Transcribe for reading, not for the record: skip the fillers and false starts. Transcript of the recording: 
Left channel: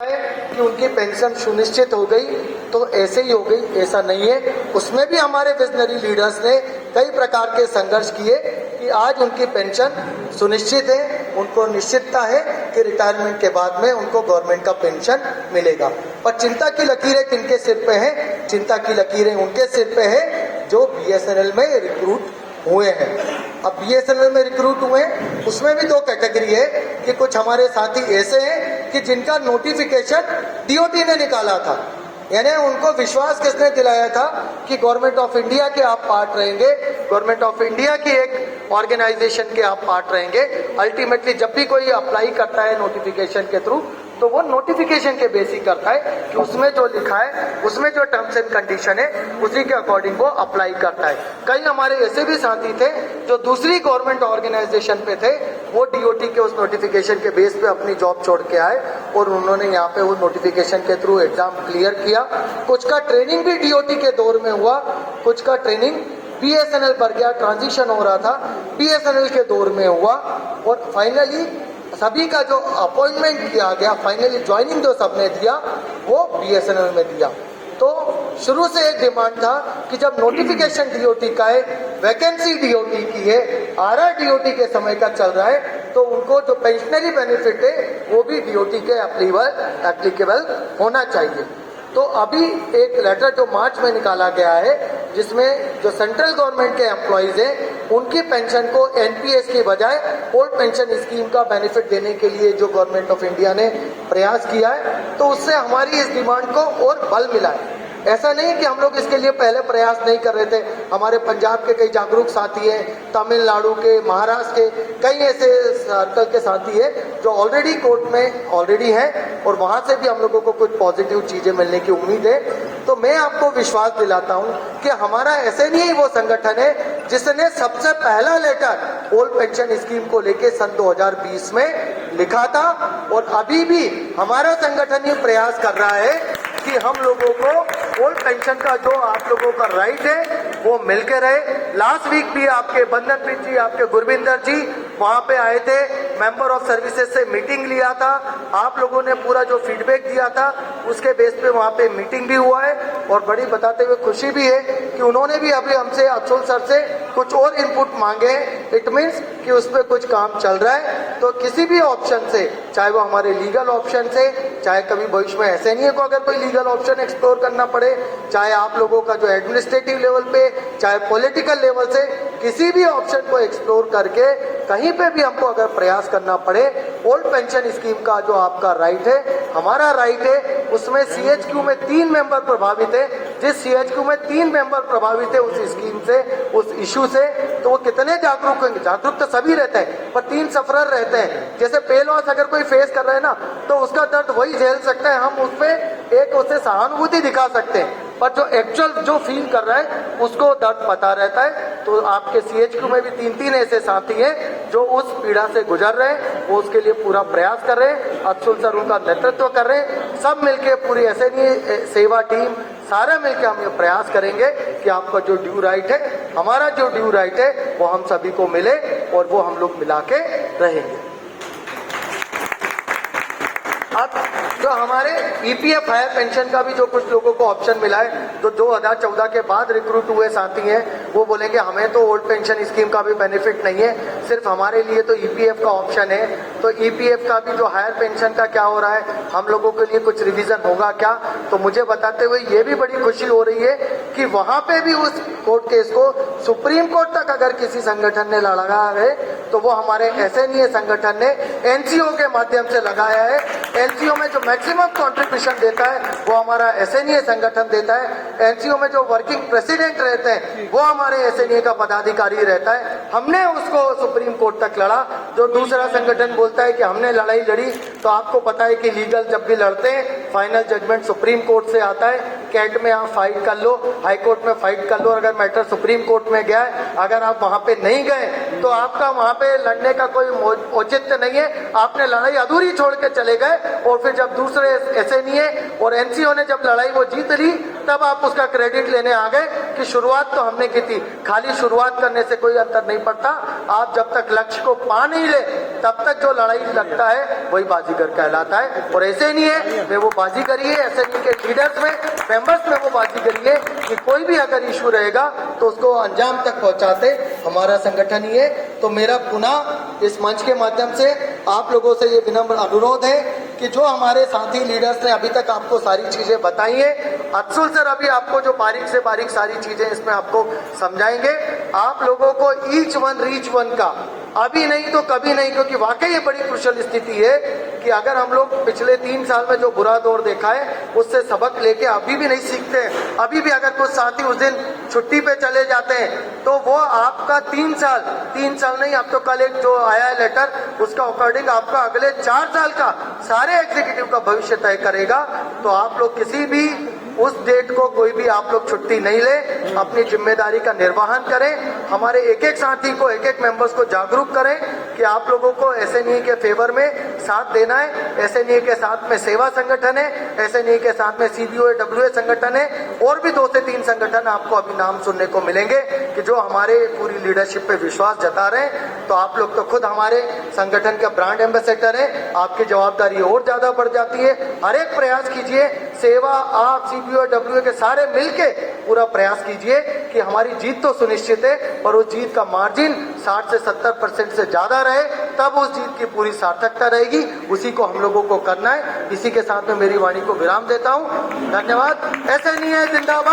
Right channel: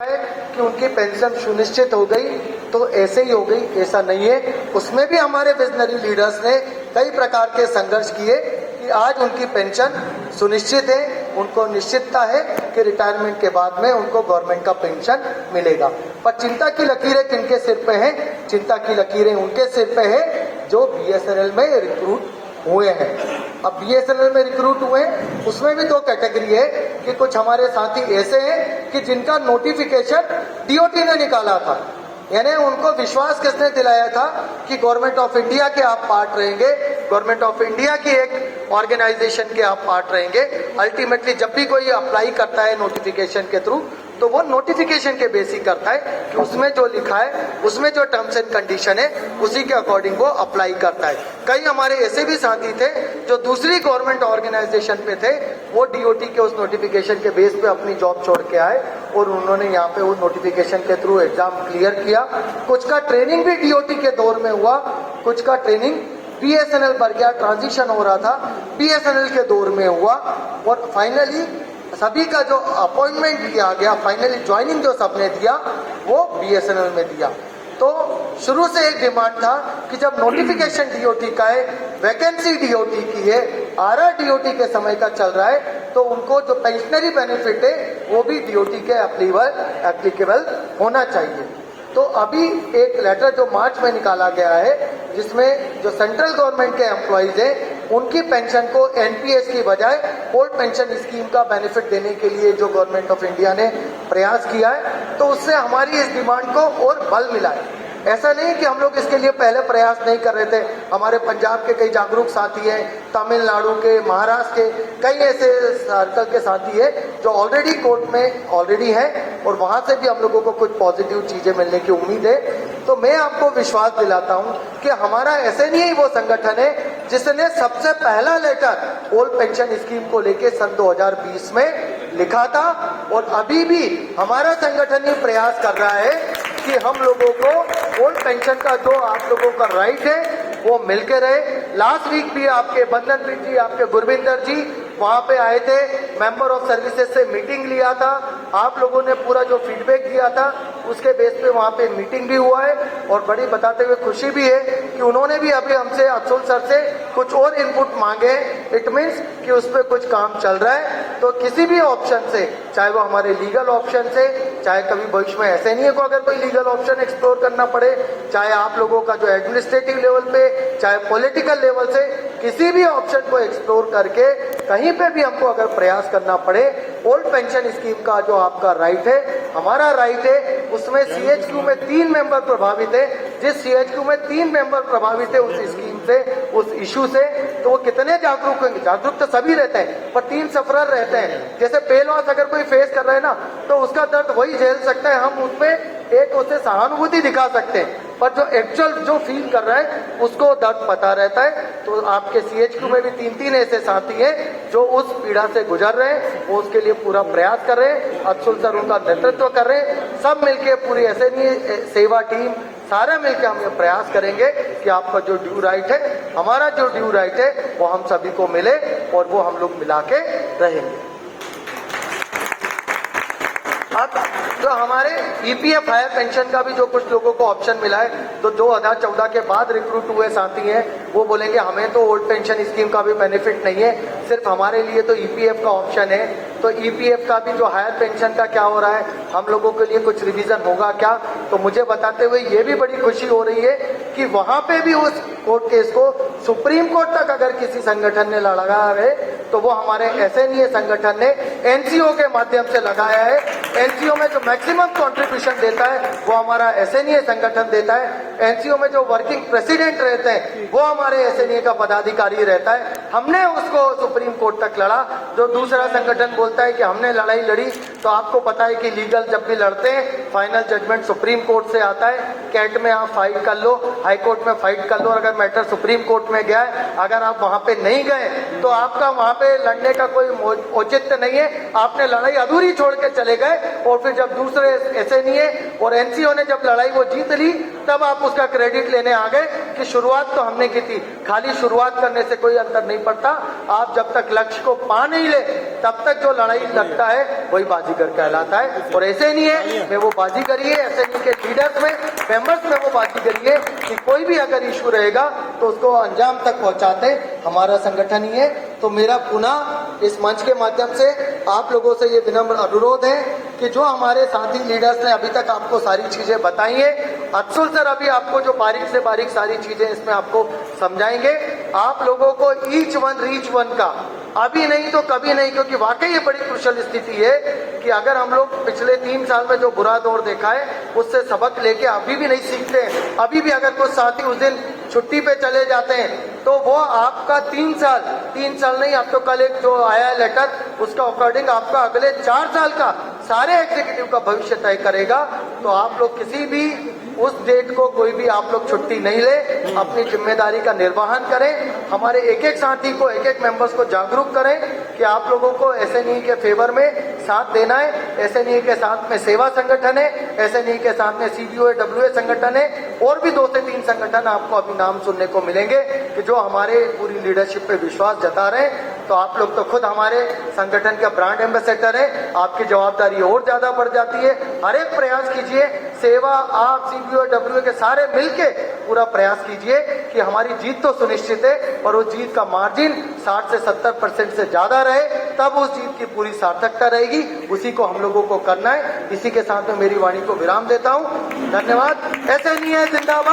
कि उनकी पेंशन सुनिश्चित हो गई तो ऐसे ही हो गई, ऐसा नहीं है। उसमें भी हमारे विजनरी लीडर्स ने कई प्रकार के संघर्ष किए कि आज उनकी पेंशन सुनिश्चित है, उनको निश्चितता है कि रिटायरमेंट के बाद में उनको गवर्नमेंट का पेंशन मिलेगा। पर चिंता की लकीरें किनके सिर पे है? चिंता की लकीरें उनके सिर पे है जो बीएसएनएल में रिक्रूट हुए हैं। अब बीएसएनएल में रिक्रूट हुए, उसमें भी दो कैटेगरी है कि कुछ हमारे साथी ऐसे हैं कि जिनका नोटिफिकेशन डीओटी ने निकाला था, यानी उनको विश्वास किसने दिलाया था कि गवर्नमेंट ऑफ इंडिया के आप पार्ट रहेंगे, गवर्नमेंट ऑफ इंडिया की एक ऑर्गेनाइजेशन के आप पार्ट रहेंगे। अल्टीमेटली जब भी कोई अप्लाई करता है नोटिफिकेशन के थ्रू तो वो नोटिफिकेशन के बेसिस करता है कि उसमें जो लिखा है, उसमें जो टर्म्स एंड कंडीशन है, उसी के अकॉर्डिंग वो अप्लाई करता है। कई हमारे ऐसे भी साथी थे जो दूसरी गवर्नमेंट ऑर्गेनाइजेशन पे थे, वो डीओटी के उस नोटिफिकेशन के बेस पे अपनी जॉब छोड़ के आए और उन्होंने यहाँ पे वो नोटिफिकेशन के थ्रू एग्जाम क्लियर किया। कुछ का ट्रेनिंग भी डीओटी के दौर में हुआ, कुछ का ट्रेनिंग बीएसएनएल पर गया, ट्रांजिशन हो रहा था, बीएसएनएल के दौर में हुआ और फाइनली सभी का जो अपॉइंटमेंट दिया गया, फाइनली ज्वाइनिंग जो सबने दिया वो बीएसएनएल में दिया। तो शुरू से एक डिमांड था कि जब नोटिफिकेशन डीओटी का है, वैकेंसी डीओटी की है, आरआर डीओटी के समय का चल रहा है, तो उनको जो पेंशनरी बेनिफिट है वो भी डीओटी के एप्लीकेबल होना चाहिए। तो अभी एक लेटर जो मार्च में निकाला गया है जिसमें जो सेंट्रल गवर्नमेंट के एम्प्लॉइज हैं उनकी पेंशन को एनपीएस की बजाय ओल्ड पेंशन स्कीम का बेनिफिट देने के लिए जो गवर्नमेंट ऑफ इंडिया ने प्रयास किया है, तो उससे हमारी इस डिमांड को और बल मिला है। ऐसा नहीं कि हम लोग इसके लिए पहले प्रयास नहीं कर रहे थे। हमारे पंजाब के कई जागरूक साथी हैं, तमिलनाडु के, महाराष्ट्र के कई ऐसे सर्कल के साथी है जो ऑलरेडी कोर्ट में ऑलरेडी हैं और वहां से भी हम लोगों को कुछ पॉजिटिव चीजें मिलने की उम्मीद है। तो मैं आपको विश्वास दिलाता हूं कि हमारा ऐसे नहीं वो संगठन है जिसने सबसे पहला लेटर ओल्ड पेंशन स्कीम को लेके सन 2020 में लिखा था और अभी भी हमारा संगठन ही प्रयास कर रहा है कि हम लोगों को ओल्ड पेंशन का जो आप लोगों का राइट है वो मिलके रहे। लास्ट वीक भी आपके बंदन बिन जी, आपके गुरविंदर जी वहां पे आए थे, मेंबर ऑफ सर्विसेज से मीटिंग लिया था, आप लोगों ने पूरा जो फीडबैक दिया था उसके बेस पे वहां पे मीटिंग भी हुआ है और बड़ी बताते हुए खुशी भी है कि उन्होंने भी अभी हमसे अफसोस सर से कुछ और इनपुट मांगे। इट मीन्स कि उस पर कुछ काम चल रहा है। तो किसी भी ऑप्शन से, चाहे वो हमारे लीगल ऑप्शन से, चाहे कभी भविष्य में ऐसे नहीं है को अगर कोई लीगल ऑप्शन एक्सप्लोर करना पड़े, चाहे आप लोगों का जो एडमिनिस्ट्रेटिव लेवल पे, चाहे पॉलिटिकल लेवल से, किसी भी ऑप्शन को एक्सप्लोर करके कहीं पे भी हमको अगर प्रयास करना पड़े, ओल्ड पेंशन स्कीम का जो आपका राइट है, हमारा राइट है, उसमें सीएचक्यू में 3 मेंबर प्रभावित है। जिस सीएचक्यू में 3 मेंबर प्रभावित है उस स्कीम से, उस इश्यू से, तो वो कितने जागरूक होंगे? जागरूक तो सभी रहते हैं पर 3 सफरर रहते हैं। जैसे पे लॉस अगर कोई फेस कर रहा है ना, तो उसका दर्द वही झेल सकता है, हम उसमें एक उसे सहानुभूति दिखा सकते हैं, पर जो एक्चुअल जो फील कर रहा है उसको दर्द पता रहता है। तो आपके सीएचक्यू में भी 3 ऐसे साथी हैं जो उस पीड़ा से गुजर रहे हैं, वो उसके लिए पूरा प्रयास कर रहे हैं, अफसर सर उनका नेतृत्व कर रहे हैं। सब मिलके पूरी ऐसे नहीं सेवा टीम सारे मिलकर हम ये प्रयास करेंगे कि आपका जो ड्यू राइट है, हमारा जो ड्यू राइट है वो हम सभी को मिले और वो हम लोग मिला के रहेंगे। जो हमारे ईपीएफ हायर पेंशन का भी जो कुछ लोगों को ऑप्शन मिला है, जो 2014 के बाद रिक्रूट हुए साथी हैं, वो बोलेंगे हमें तो ओल्ड पेंशन स्कीम का भी बेनिफिट नहीं है, सिर्फ हमारे लिए तो ईपीएफ का ऑप्शन है। तो ईपीएफ का भी जो हायर पेंशन का क्या हो रहा है, हम लोगों के लिए कुछ रिवीजन होगा क्या? तो मुझे बताते हुए ये भी बड़ी खुशी हो रही है कि वहां पे भी उस कोर्ट केस को सुप्रीम कोर्ट तक अगर किसी संगठन ने लड़ाया है तो वो हमारे एसएनईए संगठन ने एनसीओ के माध्यम से लगाया है। एनसीओ में जो मैक्सिमम कंट्रीब्यूशन देता है वो हमारा एसएनईए संगठन देता है। एनसीओ में जो वर्किंग प्रेसिडेंट रहते हैं वो हमारे एसएनईए का पदाधिकारी रहता है। हमने उसको सुप्रीम कोर्ट तक लड़ा। जो दूसरा संगठन बोलता है कि हमने लड़ाई लड़ी, तो आपको पता है कि लीगल जब भी लड़ते हैं फाइनल जजमेंट सुप्रीम कोर्ट से आता है। कैट में आप फाइट कर लो, हाई कोर्ट में फाइट कर लो, अगर मैटर सुप्रीम कोर्ट में गया है, अगर आप वहां पे नहीं गए तो आपका वहां पे लड़ने का कोई औचित्य नहीं है, आपने लड़ाई अधूरी छोड़ के चले गए। और फिर जब दूसरे एसएनईए और एनसीओ ने जब लड़ाई वो जीत ली तब आप उसका क्रेडिट लेने आ गए कि शुरुआत तो हमने की थी। खाली शुरुआत करने से कोई अंतर नहीं पड़ता। आप जब तक लक्ष्य को पा नहीं ले तब तक जो लड़ाई लड़ता है वही बाजीगर कहलाता है। और ऐसे नहीं है मैं वो बाजीगरी है, ऐसे नहीं के लीडर्स में, मेंबर्स में वो बाजीगरी है कि कोई भी अगर इशू रहेगा तो उसको अंजाम तक पहुंचाते हमारा संगठन ही है। तो मेरा पुनः इस मंच के माध्यम से आप लोगों से ये विनम्र अनुरोध है कि जो हमारे साथी लीडर्स ने अभी तक आपको सारी चीजें बताई है, अफसुल सर अभी आपको जो बारीक से बारीक सारी चीजें इसमें आपको समझाएंगे। आप लोगों को ईच वन रीच वन का अभी नहीं तो कभी नहीं, क्योंकि वाकई ये बड़ी कुशल स्थिति है कि अगर हम लोग पिछले 3 साल में जो बुरा दौर देखा है उससे सबक लेके अभी भी नहीं सीखते हैं, अभी भी अगर कुछ साथी उस दिन छुट्टी पे चले जाते हैं तो वो आपका 3 साल नहीं, अब तो कल एक जो आया है लेटर उसका अकॉर्डिंग आपका अगले 4 साल का सारे एग्जीक्यूटिव का भविष्य तय करेगा। तो आप लोग किसी भी उस डेट को कोई भी आप लोग छुट्टी नहीं ले, अपनी जिम्मेदारी का निर्वहन करें। हमारे एक एक साथी को, एक एक मेंबर्स को जागरूक करें कि आप लोगों को एसएनई के फेवर में साथ देना है। एसएनई के साथ में सेवा संगठन है, एसएनई के साथ में सीबीओ डब्ल्यूए संगठन है, और भी 2 से 3 संगठन आपको अभी नाम सुनने को मिलेंगे कि जो हमारे पूरी लीडरशिप पे विश्वास जता रहे। तो आप लोग तो खुद हमारे संगठन के ब्रांड एम्बेसडर है, आपकी जवाबदारी और ज्यादा बढ़ जाती है। हर एक प्रयास कीजिए, सेवा आप सीबीओ डब्ल्यूए के सारे मिलके पूरा प्रयास कीजिए कि हमारी जीत तो सुनिश्चित है और उस जीत का मार्जिन 60 से 70% से ज्यादा रहे, तब उस जीत की पूरी सार्थकता रहेगी। उसी को हम लोगों को करना है। इसी के साथ में मेरी वाणी को विराम देता हूं। धन्यवाद। ऐसे नहीं है जिंदाबाद।